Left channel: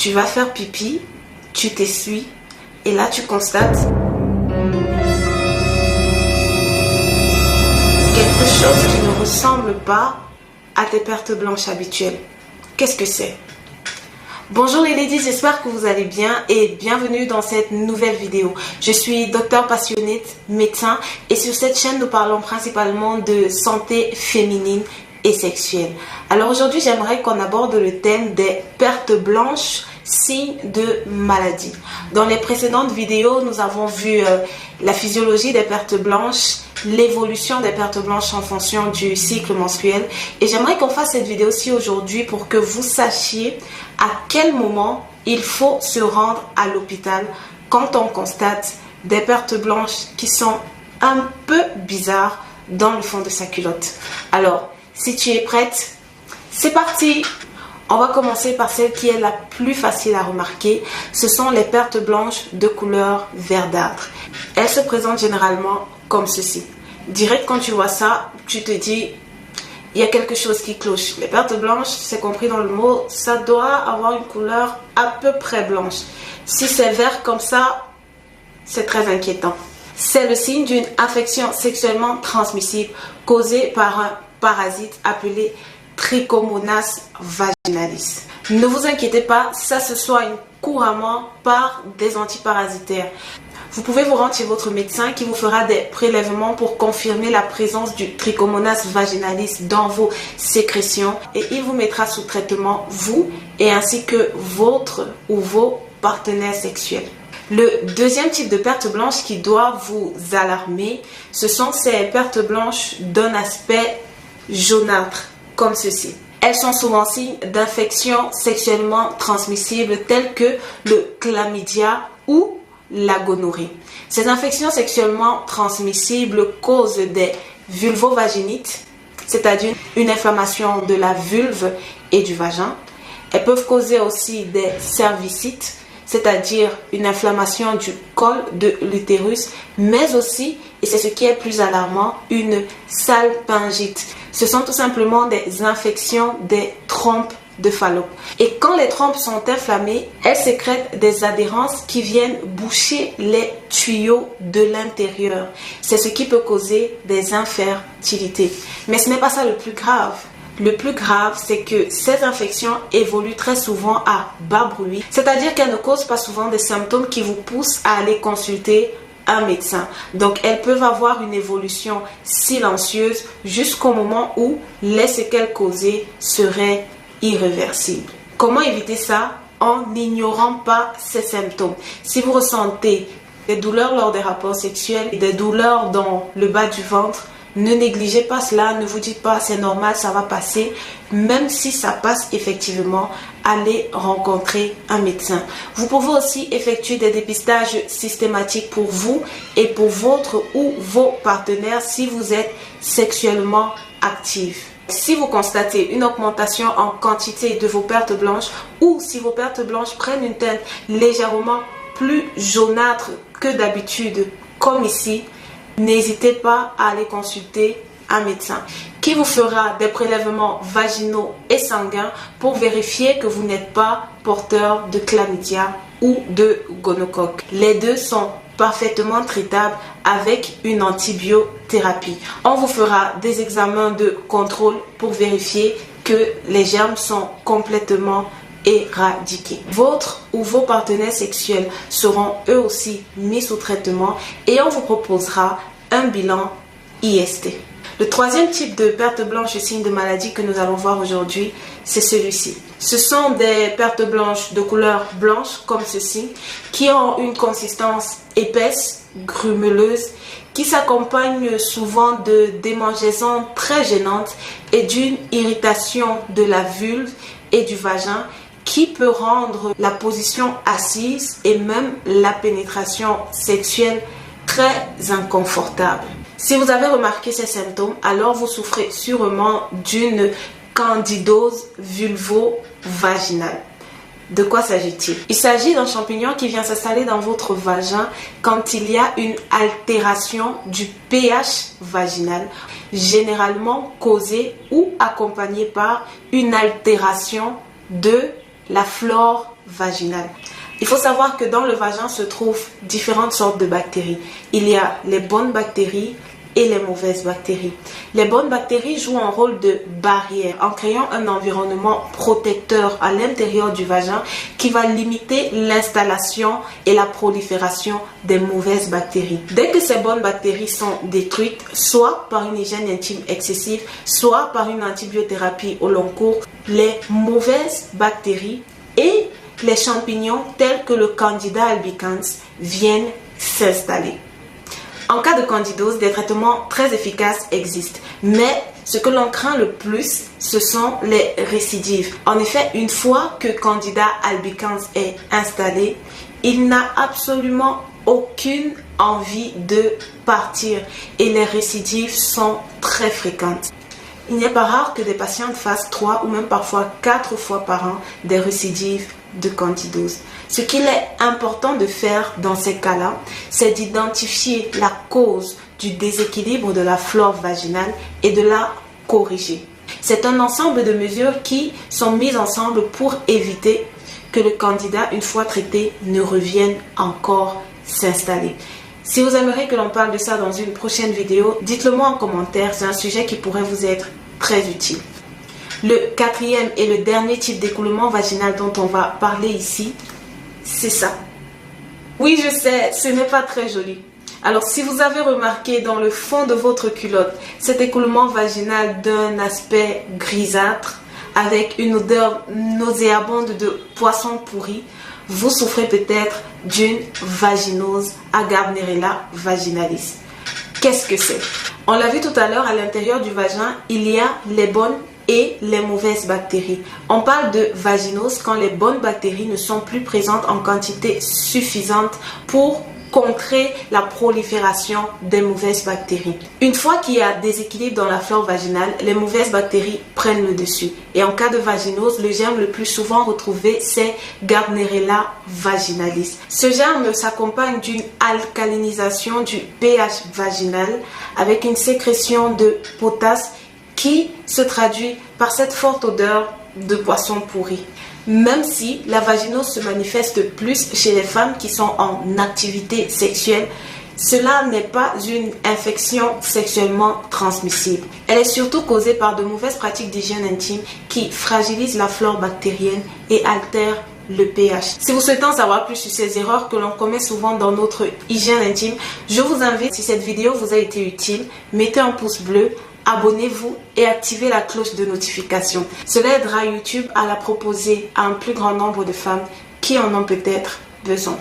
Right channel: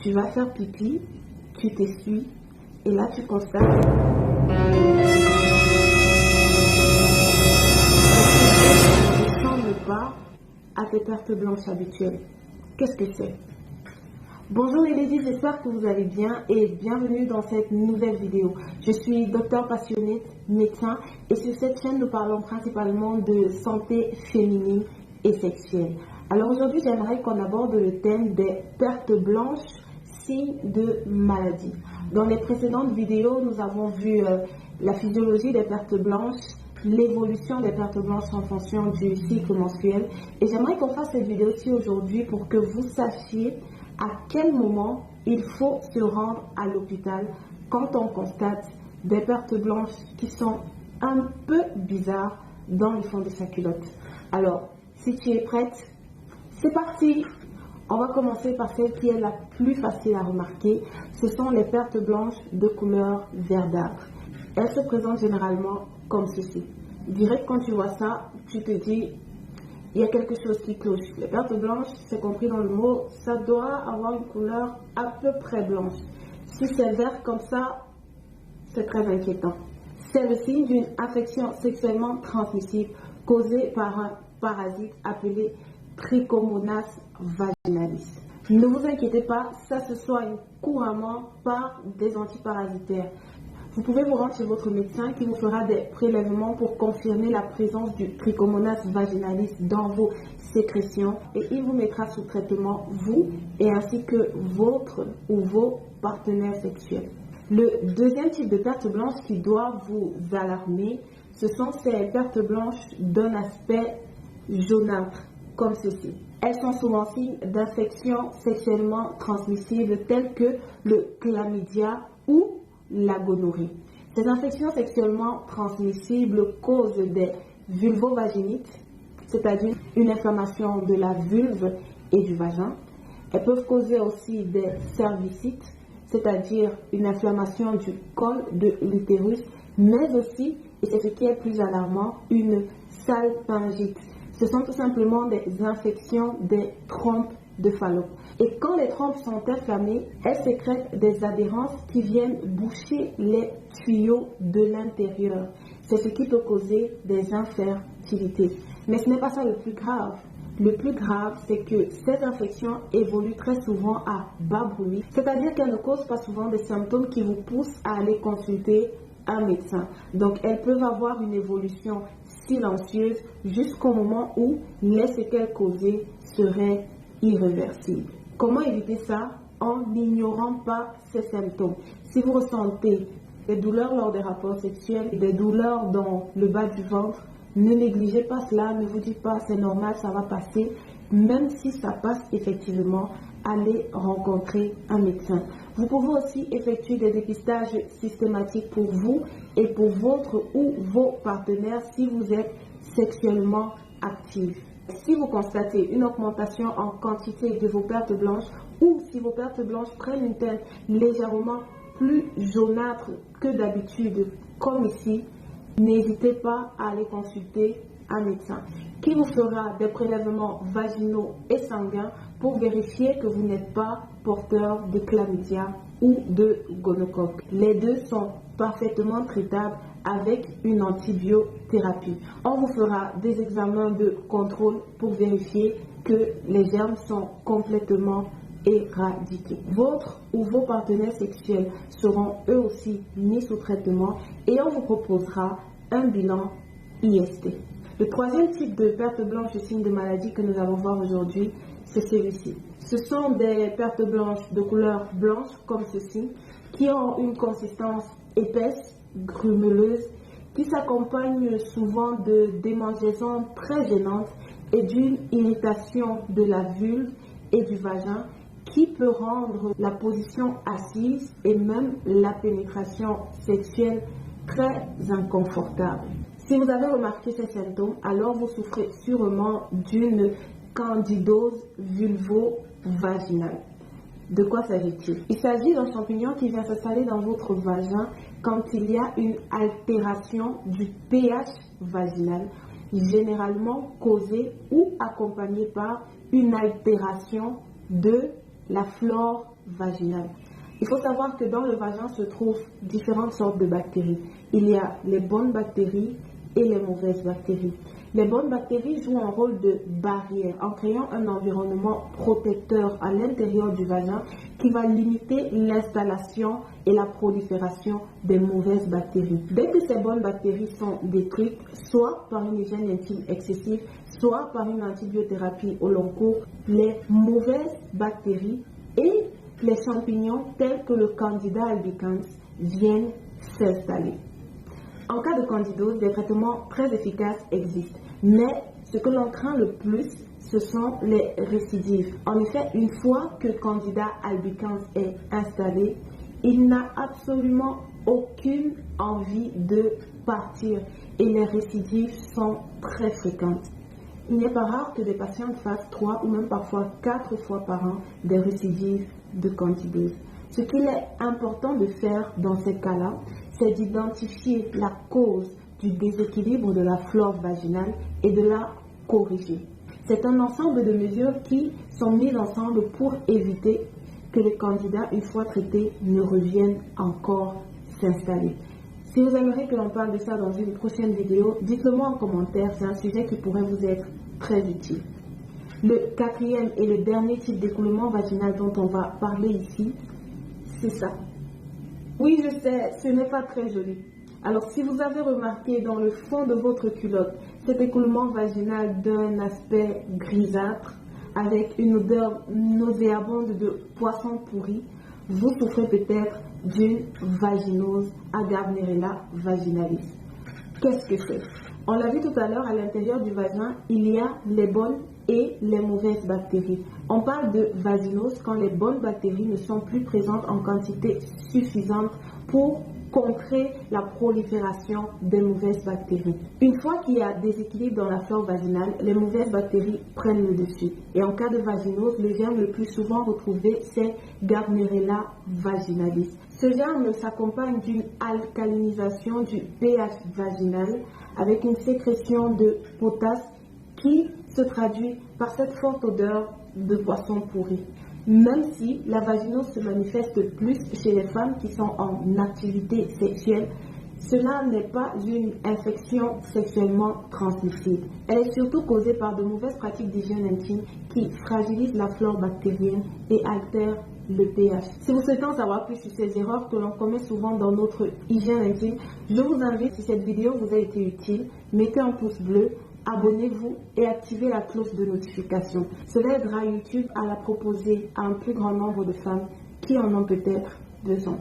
Tu vas faire pipi, tu t'essuies et là tu constates quelque chose qui ne ressemble pas à tes pertes blanches habituelles. Qu'est-ce que c'est? Bonjour les ladies, j'espère que vous allez bien et bienvenue dans cette nouvelle vidéo. Je suis docteur passionnée, médecin, et sur cette chaîne nous parlons principalement de santé féminine et sexuelle. Alors aujourd'hui j'aimerais qu'on aborde le thème des pertes blanches, signes de maladie. Dans les précédentes vidéos nous avons vu la physiologie des pertes blanches, l'évolution des pertes blanches en fonction du cycle menstruel, et j'aimerais qu'on fasse cette vidéo-ci aujourd'hui pour que vous sachiez à quel moment il faut se rendre à l'hôpital quand on constate des pertes blanches qui sont un peu bizarres dans le fond de sa culotte. Alors, si tu es prête, c'est parti! On va commencer par celle qui est la plus facile à remarquer. Ce sont les pertes blanches de couleur verdâtre. Elles se présentent généralement comme ceci. Direct quand tu vois ça, tu te dis, il y a quelque chose qui cloche. Les pertes blanches, c'est compris dans le mot, ça doit avoir une couleur à peu près blanche. Si c'est vert comme ça, c'est très inquiétant. C'est le signe d'une infection sexuellement transmissible causée par un parasite appelé Trichomonas vaginalis. Ne vous inquiétez pas, ça se soigne couramment par des antiparasitaires. Vous pouvez vous rendre chez votre médecin qui vous fera des prélèvements pour confirmer la présence du Trichomonas vaginalis dans vos sécrétions et il vous mettra sous traitement, vous et ainsi que votre ou vos partenaires sexuels. Le deuxième type de perte blanche qui doit vous alarmer, ce sont ces pertes blanches d'un aspect jaunâtre, comme ceci. Elles sont souvent signes d'infections sexuellement transmissibles telles que le chlamydia ou la gonorrhée. Ces infections sexuellement transmissibles causent des vulvovaginites, c'est-à-dire une inflammation de la vulve et du vagin. Elles peuvent causer aussi des cervicites, c'est-à-dire une inflammation du col de l'utérus, mais aussi, et c'est ce qui est plus alarmant, une salpingite. Ce sont tout simplement des infections des trompes de Fallope. Et quand les trompes sont inflammées, elles sécrètent des adhérences qui viennent boucher les tuyaux de l'intérieur. C'est ce qui peut causer des infertilités. Mais ce n'est pas ça le plus grave. Le plus grave, c'est que ces infections évoluent très souvent à bas bruit, c'est-à-dire qu'elles ne causent pas souvent des symptômes qui vous poussent à aller consulter un médecin. Donc, elles peuvent avoir une évolution silencieuse jusqu'au moment où les séquelles causées seraient irréversibles. Comment éviter ça? En n'ignorant pas ces symptômes. Si vous ressentez des douleurs lors des rapports sexuels, des douleurs dans le bas du ventre, ne négligez pas cela, ne vous dites pas c'est normal, ça va passer. Même si ça passe effectivement, allez rencontrer un médecin. Vous pouvez aussi effectuer des dépistages systématiques pour vous et pour votre ou vos partenaires si vous êtes sexuellement actifs. Si vous constatez une augmentation en quantité de vos pertes blanches ou si vos pertes blanches prennent une teinte légèrement plus jaunâtre que d'habitude, comme ici, n'hésitez pas à aller consulter un médecin qui vous fera des prélèvements vaginaux et sanguins pour vérifier que vous n'êtes pas porteur de chlamydia ou de gonocoque. Les deux sont parfaitement traitables avec une antibiothérapie. On vous fera des examens de contrôle pour vérifier que les germes sont complètement éradiqués. Votre ou vos partenaires sexuels seront eux aussi mis sous traitement et on vous proposera un bilan IST. Le troisième type de perte blanche et signe de maladie que nous allons voir aujourd'hui, c'est celui-ci. Ce sont des pertes blanches de couleur blanche comme ceci, qui ont une consistance épaisse, grumeleuse, qui s'accompagne souvent de démangeaisons très gênantes et d'une irritation de la vulve et du vagin qui peut rendre la position assise et même la pénétration sexuelle très inconfortable. Si vous avez remarqué ces symptômes, alors vous souffrez sûrement d'une candidose vulvo-vaginale. De quoi s'agit-il? Il s'agit d'un champignon qui vient s'installer dans votre vagin quand il y a une altération du pH vaginal, généralement causée ou accompagnée par une altération de la flore vaginale. Il faut savoir que dans le vagin se trouvent différentes sortes de bactéries. Il y a les bonnes bactéries et les mauvaises bactéries. Les bonnes bactéries jouent un rôle de barrière en créant un environnement protecteur à l'intérieur du vagin qui va limiter l'installation et la prolifération des mauvaises bactéries. Dès que ces bonnes bactéries sont détruites, soit par une hygiène intime excessive, soit par une antibiothérapie au long cours, les mauvaises bactéries et les champignons tels que le Candida albicans viennent s'installer. En cas de candidose, des traitements très efficaces existent, mais ce que l'on craint le plus, ce sont les récidives. En effet, une fois que Candida albicans est installé, il n'a absolument aucune envie de partir et les récidives sont très fréquentes. Il n'est pas rare que des patientes fassent 3 ou même parfois 4 fois par an des récidives de candidose. Ce qu'il est important de faire dans ces cas-là, c'est d'identifier la cause du déséquilibre de la flore vaginale et de la corriger. C'est un ensemble de mesures qui sont mises ensemble pour éviter que le candida, une fois traité, ne revienne encore s'installer. Si vous aimeriez que l'on parle de ça dans une prochaine vidéo, dites-le moi en commentaire, c'est un sujet qui pourrait vous être très utile. Le quatrième et le dernier type d'écoulement vaginal dont on va parler ici, c'est ça. Oui, je sais, ce n'est pas très joli. Alors, si vous avez remarqué dans le fond de votre culotte cet écoulement vaginal d'un aspect grisâtre avec une odeur nauséabonde de poisson pourri, vous souffrez peut-être d'une vaginose à Gardnerella vaginalis. Qu'est-ce que c'est? On l'a vu tout à l'heure, à l'intérieur du vagin, il y a les bonnes et les mauvaises bactéries. On parle de vaginose quand les bonnes bactéries ne sont plus présentes en quantité suffisante pour contrer la prolifération des mauvaises bactéries. Une fois qu'il y a déséquilibre dans la flore vaginale, les mauvaises bactéries prennent le dessus. Et en cas de vaginose, le germe le plus souvent retrouvé, c'est Gardnerella vaginalis. Ce germe s'accompagne d'une alcalinisation du pH vaginal avec une sécrétion de potasse qui se traduit par cette forte odeur de poisson pourri. Même si la vaginose se manifeste plus chez les femmes qui sont en activité sexuelle, cela n'est pas une infection sexuellement transmissible. Elle est surtout causée par de mauvaises pratiques d'hygiène intime qui fragilisent la flore bactérienne et altèrent le pH. Si vous souhaitez en savoir plus sur ces erreurs que l'on commet souvent dans notre hygiène intime, je vous invite, si cette vidéo vous a été utile, mettez un pouce bleu, abonnez-vous et activez la cloche de notification. Cela aidera YouTube à la proposer à un plus grand nombre de femmes qui en ont peut-être besoin.